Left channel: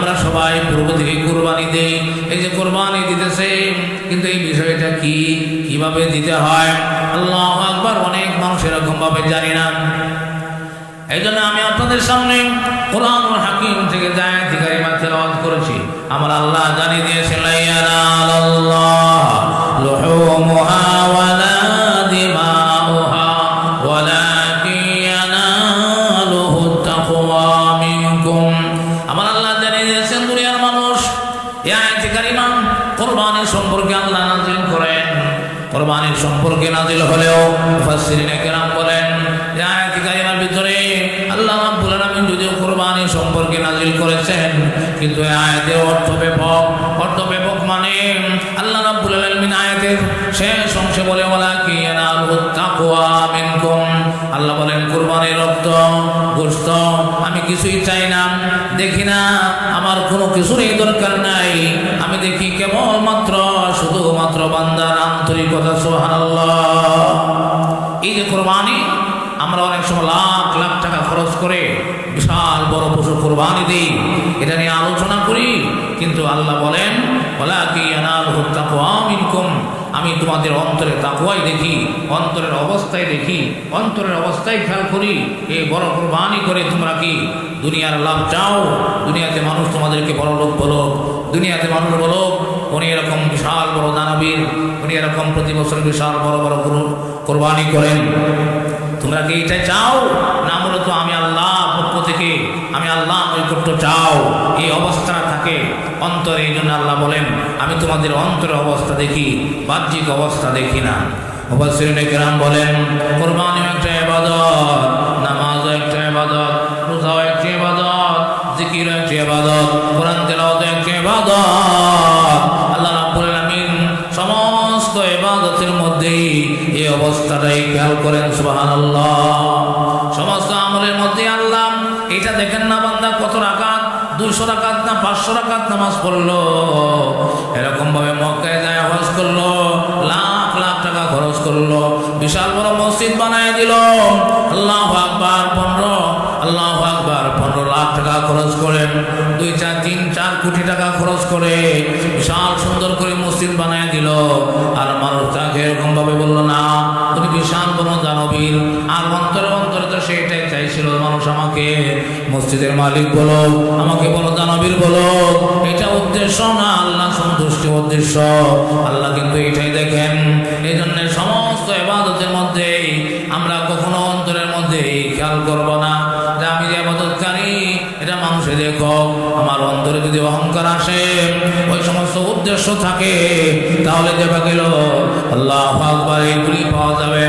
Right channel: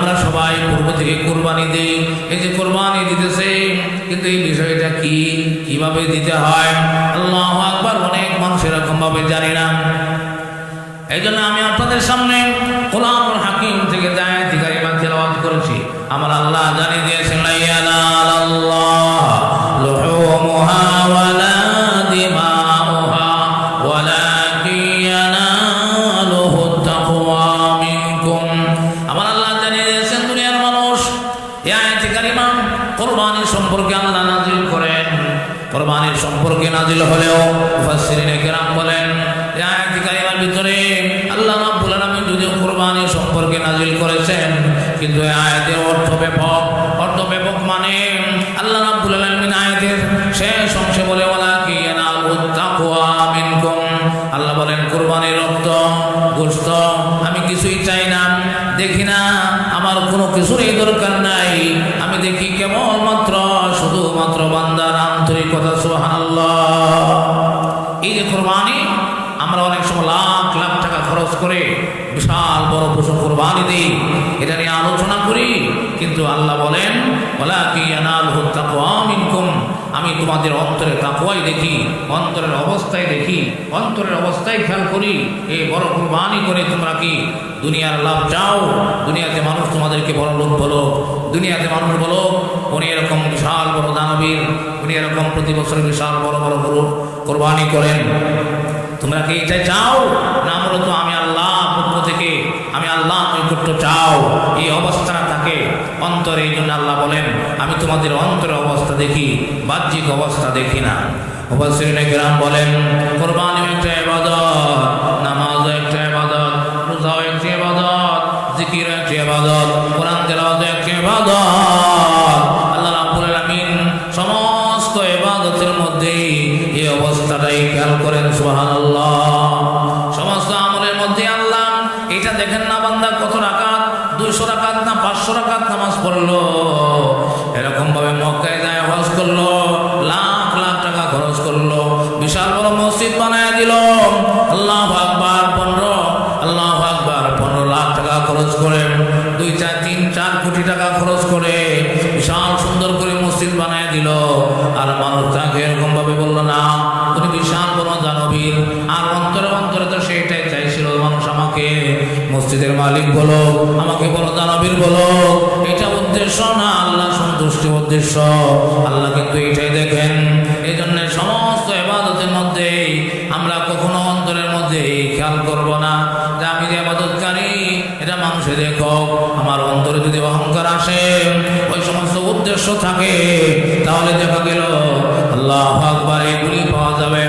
আমরা সবাই পূর্ব থেকে কুরবানি দেই, এই যে কুরবানি দিতেছে, কিন্তু এই বিষয়টা কি, কিভাবে দিতে হয়, আল্লাহু আকবার, অনেক মানুষ এরকম ভাবে জানি না। এই জন্য আমি আপনাদের সামনে কোরআনুল হাকিম থেকে যে আয়াত কারিমা তেলাওয়াত করেছি, আমার আল্লাহ জানিয়ে দিয়েছেন, লা ইয়ানালাল্লাহ লুহুমুহা ওয়ালা দিমাউহা ওয়ালাকিন ইয়ানালুহুত তাকওয়া মিনকুম। আমার আল্লাহ জানিয়ে দিয়েছেন, দুনিয়ার মানুষ এই আয়াত কারিমা কুরবানি সম্পর্কে আল্লাহ নাযিল করেন। কুরবানির সম্পর্কে নাযিল হলেও মুফাসসিরিনে কেরাম বলেন এই আয়াত কারিমার ভিতরে আল্লাহ রাব্বুল আলামিন যদিও কুরবানি সম্পর্কে নাযিল করেছেন, কিন্তু এই আয়াতের অর্থ ব্যাপক, মানে আল্লাহ রাব্বুল আলামিন আয়াতের শেষ অংশে বলে ওয়ালাকিন ইয়ানালুহুত তাকওয়া মিনকুম। আল্লাহ বলেন কুরবানির রক্ত গোশত আমি কিছুই চাই না, দেখি না, আমার কোনো কিছুরই দরকার নাই, আমি দেখি কেবলমাত্র শুধুমাত্র বান্দার আন্তরিকতা। সুবহানাল্লাহ। এই যে কুরবানি, আমরা অনেক সময় লাখ লাখ টাকা খরচ করে বিশাল বড় পশু কুরবানি দেই, এটা নিয়ে আলোচনা করি, কিন্তু আল্লাহ বলেন ওয়ালাকিন ইয়ানালুহুত তাকওয়া মিনকুম, আমি তোমাদের অন্তরে তাকওয়াই দেখি, অন্তরের অবস্থায় দেখি, অন্তরের অবস্থায় খেয়াল করি। এই বড় কুরবানি করে তোমরা কি দুনিয়ার লাভ চাও? দুনিয়াতে মানুষ তোমাদেরকে বড় লোক বলুক, দুনিয়াতে মানুষ বলুক উনি এরকম বিশাল বড় দানবীর, উনি এরকম প্রতি বছর বিশাল বড় বড় গরু কোরবানি করেন, তোমরা কি এইটাই চাও? না, মূলত আমি আল্লাহ পক্ষ থেকে, আমি আল্লাহ নৈকট্য চাও, এই অবস্থাটা থাকে অন্তরে। এই জন্য আল্লাহ বলেন আমি তোমাদের অন্তরের অবস্থা দেখি, বাহ্যিক অবস্থা দেখি না। মুফাসসিরিনে কেরাম বলেন কুরবানিও একটা ইবাদত, নামাজও একটা ইবাদত, রোজাও একটা ইবাদত, জিকিরও একটা ইবাদত, কোরআন তেলাওয়াতও একটা ইবাদত। আল্লাহ রাব্বুল আলামিন সমস্ত ইবাদতের মধ্যেই এই অবস্থাটাই খেয়াল করেন। সুবহানাল্লাহ। সমস্ত আমলের মধ্যে আল্লাহ এটা দেখেন না বান্দা কত রাকাত, 200 রাকাত না 500 রাকাত নামাজ পড়লো, এরকম ভাবে মক্কায় যায় হজ করলো, লাখ লাখ টাকা খরচ করলো, বিশাল বড় মসজিদ বানায় দিল, আল্লাহু আকবার 15, আল্লাহু আকবার 15 লাখ টাকা খরচ করেন, 2-4-3-4 কোটি টাকা খরচ করে বিশাল সুন্দর করে মসজিদ বানায় দিল, আর মানুষ তাকে এরকম ভাবে বললো না উনি বিশাল বড় দানবীর, আর অন্তরে অন্তরে তো সেটাই চাইছিল মানুষ আমাকে মসজিদের মালিক বলো, আমাকে বড় দানবীর বলো, এটা উদ্দেশ্য না, আল্লাহ সন্তুষ্টি উদ্দেশ্য। আল্লাহ কিন্তু এটাই দেখেন। এই জন্য সমস্ত ইবাদতের মধ্যে আমরা কখনো অন্তরের মধ্যে খেয়াল করব না যে আমি যে ইবাদতকারী এটা মানুষে দেখো, আমার অন্তরে যদি অহংকার আসে, ওই সমস্ত উদ্দেশ্য থাকে, তাহলে দেখা গেল আল্লাহু আকবার এগুলি পাওয়া যাবে,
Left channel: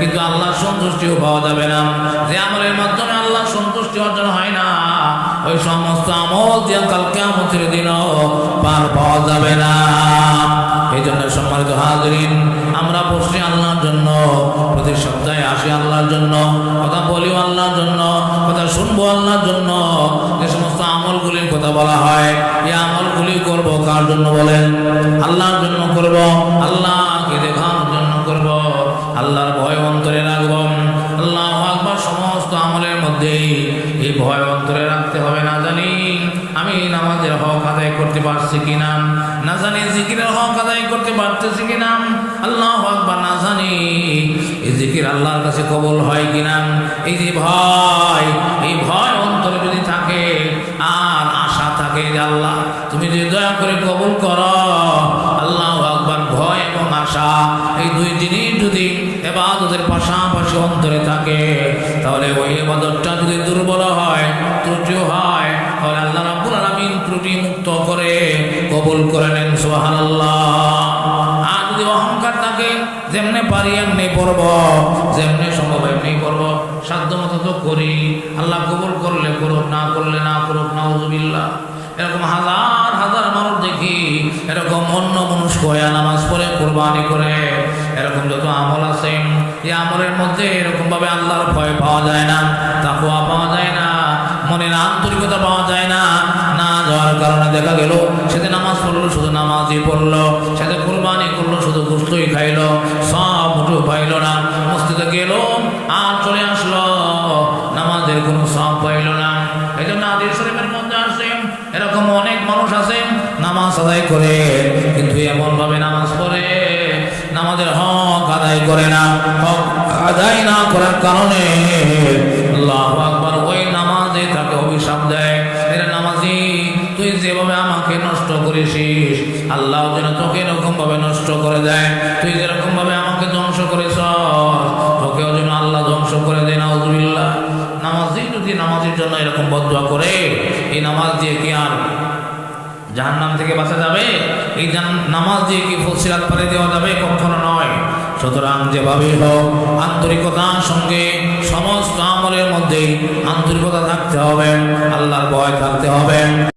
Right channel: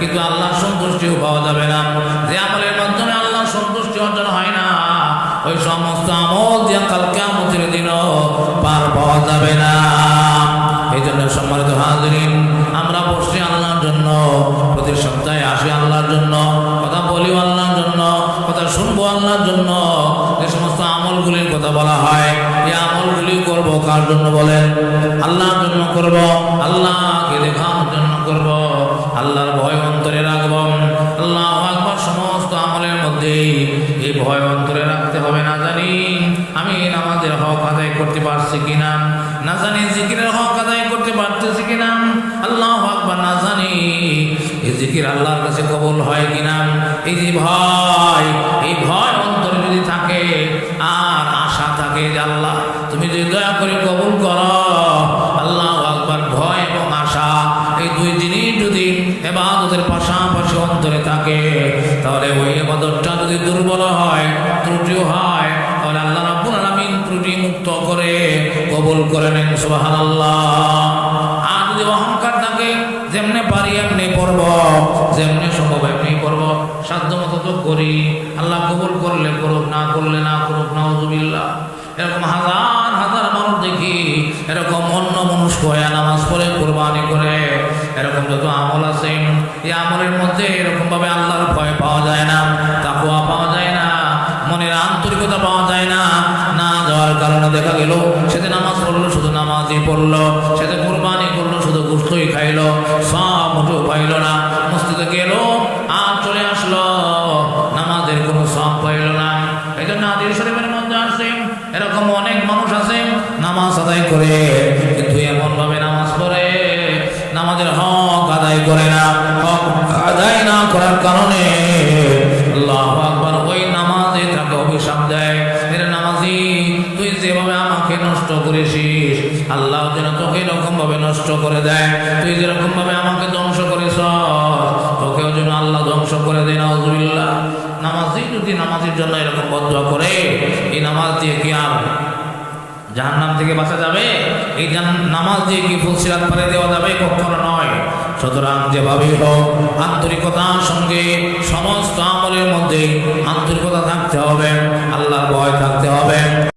কিন্তু আল্লাহর সন্তুষ্টিও পাওয়া যাবে না। যে আমলের মাধ্যমে আল্লাহর সন্তুষ্টি অর্জন হয় না, ওই সমস্ত আমল দিয়ে কাল কিয়ামতের দিনও পার পাওয়া যাবে না। এই জন্য সম্মানিত হাজিরিন, আমরা বসছি আল্লাহর জন্য, প্রতি সপ্তাহে আসি আল্লাহর জন্য, কথা বলিও আল্লাহর জন্য, কথা শুনবো আল্লাহর জন্য। যে সমস্ত আমলগুলির কথা বলা হয়, এই আমলগুলি করব কার জন্য বলেন? আল্লাহর জন্য করব, আল্লাহকে দেখানোর জন্য করব, আল্লাহর ভয় অন্তরে রাখব। আল্লাহু আকবার। সমস্ত আমলের মধ্যেই এই ভয় অন্তরে রাখতে হবে। না জানি আমি নামাজের হক আদায় করতে পারছি কিনা, না জানি জিকিরের হক আদায় করতে পারতেছি কিনা, আল্লাহু আকবার, না জানি এই জিকির আল্লাহর কাছে কবুল হয় কিনা। এই যে ভয়, এই ভয় অন্তরে যদি থাকে আর আশা থাকে যে আল্লাহ তুমি যদি দয়া করে কবুল করো, আল্লাহু আকবার, ভয় এবং আশা এই দুই জিনিস যদি ইবাদতের পাশাপাশি অন্তরে থাকে, তাহলে ওই ইবাদতটা যদি দুর্বল হয়, ত্রুটিও হয়, তাহলে আল্লাহ রাব্বুল আলামিন ত্রুটি মুক্ত করে কবুল করে নেন। সুবহানাল্লাহ। আর যদি অহংকার থাকে, যেমনে পারি এমনি পড়ব, যেমনি সম্ভব এমনি পড়ব, সাধ্য মতো তো করি, আল্লাহ কবুল করলে করুক, না করলে না করুক, নাউযুবিল্লাহ। এরকম হাজার হাজার মানুষ দেখি এরকম অন্য মনস্ক হয়ে নামাজ পড়ে, কোরবানি করে, এরকম যত আমল আছে, এই আমলের মধ্যে এরকমভাবে আল্লাহর ভয় পাওয়া যায় না, তাকওয়া পাওয়া যায় না, মনের আন্তরিকতা পাওয়া যায় না। না যাওয়ার কারণে দেখা গেল সেদিন নামাজ পড়লো, শুধু নামাজই পড়লো, সেটা কোরবানি করলো, শুধু গোশতই খাইলো, সব মুঠেও পাইল না। মসজিদে গেল আর চলে আসলো, নামাজের কোনো সব পাইল না। এই জন্য হাদিস শরীফের মধ্যে আসে এরকম অনেক মানুষ আছে নামাজ আদায় করে কিন্তু এমনভাবে নামাজ পড়ে নামাজের হক আদায় করে না। হক আদায় না করার কারণে আল্লাহু আকবার ওই নামাজে তাকে অভিশাপ দেয়, এর নামাজি তুই যেভাবে আমাকে নষ্ট করেছিস আল্লাহ যেন তোকে এরকম ভাবে নষ্ট করে দেয়, তুই যেরকম ভাবে আমাকে ধ্বংস করেছ তোকেও যেন আল্লাহ ধ্বংস করে দেয়। নাউযুবিল্লাহ। নামাজি যদি নামাজের জন্য এরকম বদদুয়া করে এই নামাজ দিয়ে কি আর জাহান্নাম থেকে বাঁচা যাবে? এই নামাজ দিয়ে কি ফুলসিরাত পারে দেওয়া যাবে? কখনো নয়। সুতরাং যেভাবেই হোক আন্তরিকতার সঙ্গে সমস্ত আমলের মধ্যেই আন্তরিকতা থাকতে হবে, আল্লাহর ভয় থাকতে হবে।